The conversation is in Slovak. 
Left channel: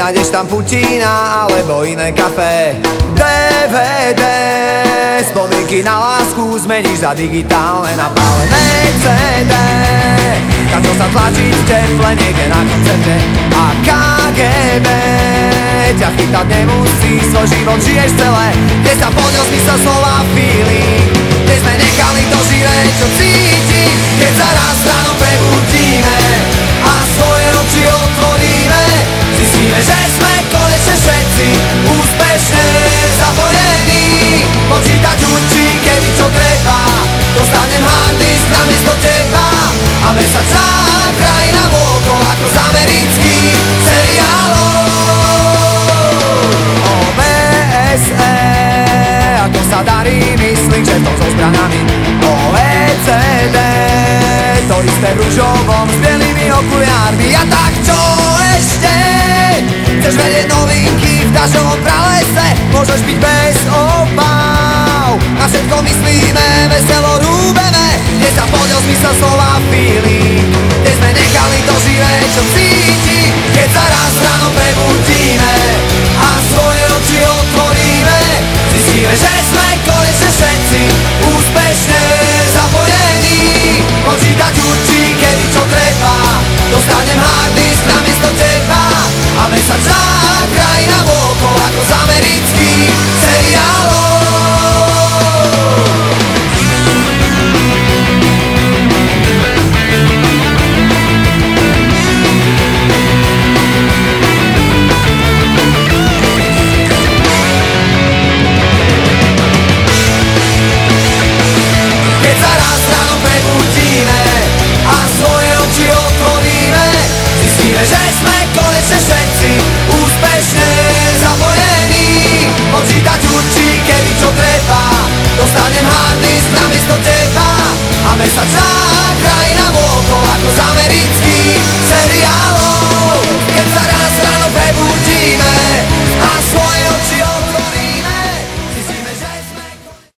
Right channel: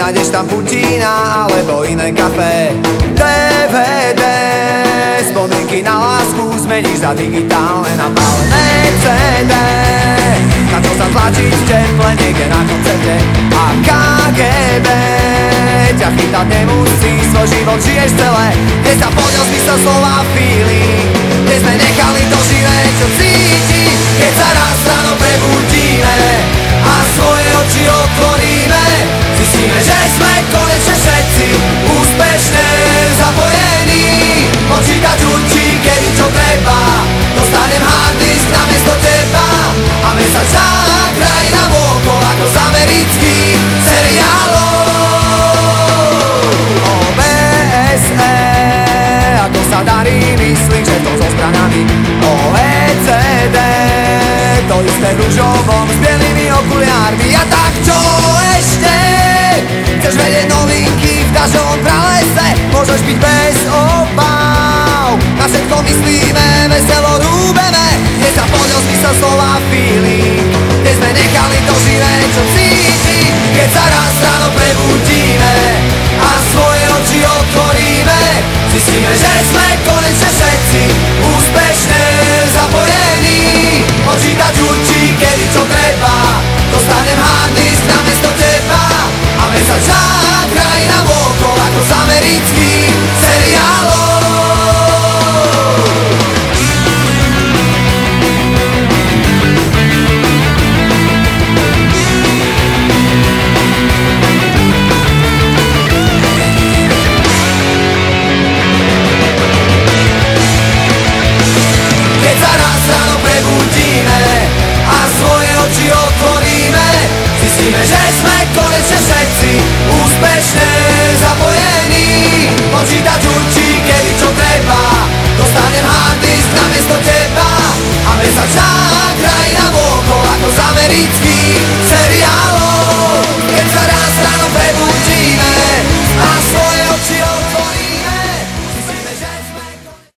Nájdeš tam Putina alebo iné kafé. DVD, spomienky na lásku zmeníš za digitálne napálené CD. Na čo sa tlačiť v teple niekde na koncerte. A KGB ťa chytať nemusí, svoj život žiješ celé. Kde sa poďal zmysel slova feeling, kde sme nechali to živé, čo cíti. Keď sa raz ráno prebudíme a svoje oči otvoríme, zistíme, že sme konečne všetci úspešne zapojení. Počítať určí, kedy čo treba, dostanem harddisk namiesto teba a mesačná krajina vôkol ako z amerických seriálov. OBSE, ako sa darí, myslím, že to so zbranami. OECD, to isté v ružovom s bielými okuliármi. A tak čo ešte? Chceš vedieť novinky v dažďovom pralese? Môžeš byť bez obav, na všetko myslíme, veselo rúbeme. Kde sa podiel zmysel slova feeling, kde sme nechali to živé, čo cíti. Keď sa raz ráno prebudíme a svoje oči otvoríme, zistíme, že sme konečne všetci úspešne zapojení. Počítať určí, kedy čo treba, dostanem harddisk namiesto teba a mesačná krajina vôkol ako z amerických seriálov. Keď sa raz ráno prebudíme a svoje oči otvoríme, zistíme, že sme konečne všetci úspešne zapojení. Počítať určí, kedy čo treba, dostanem harddisk namiesto teba a mesačná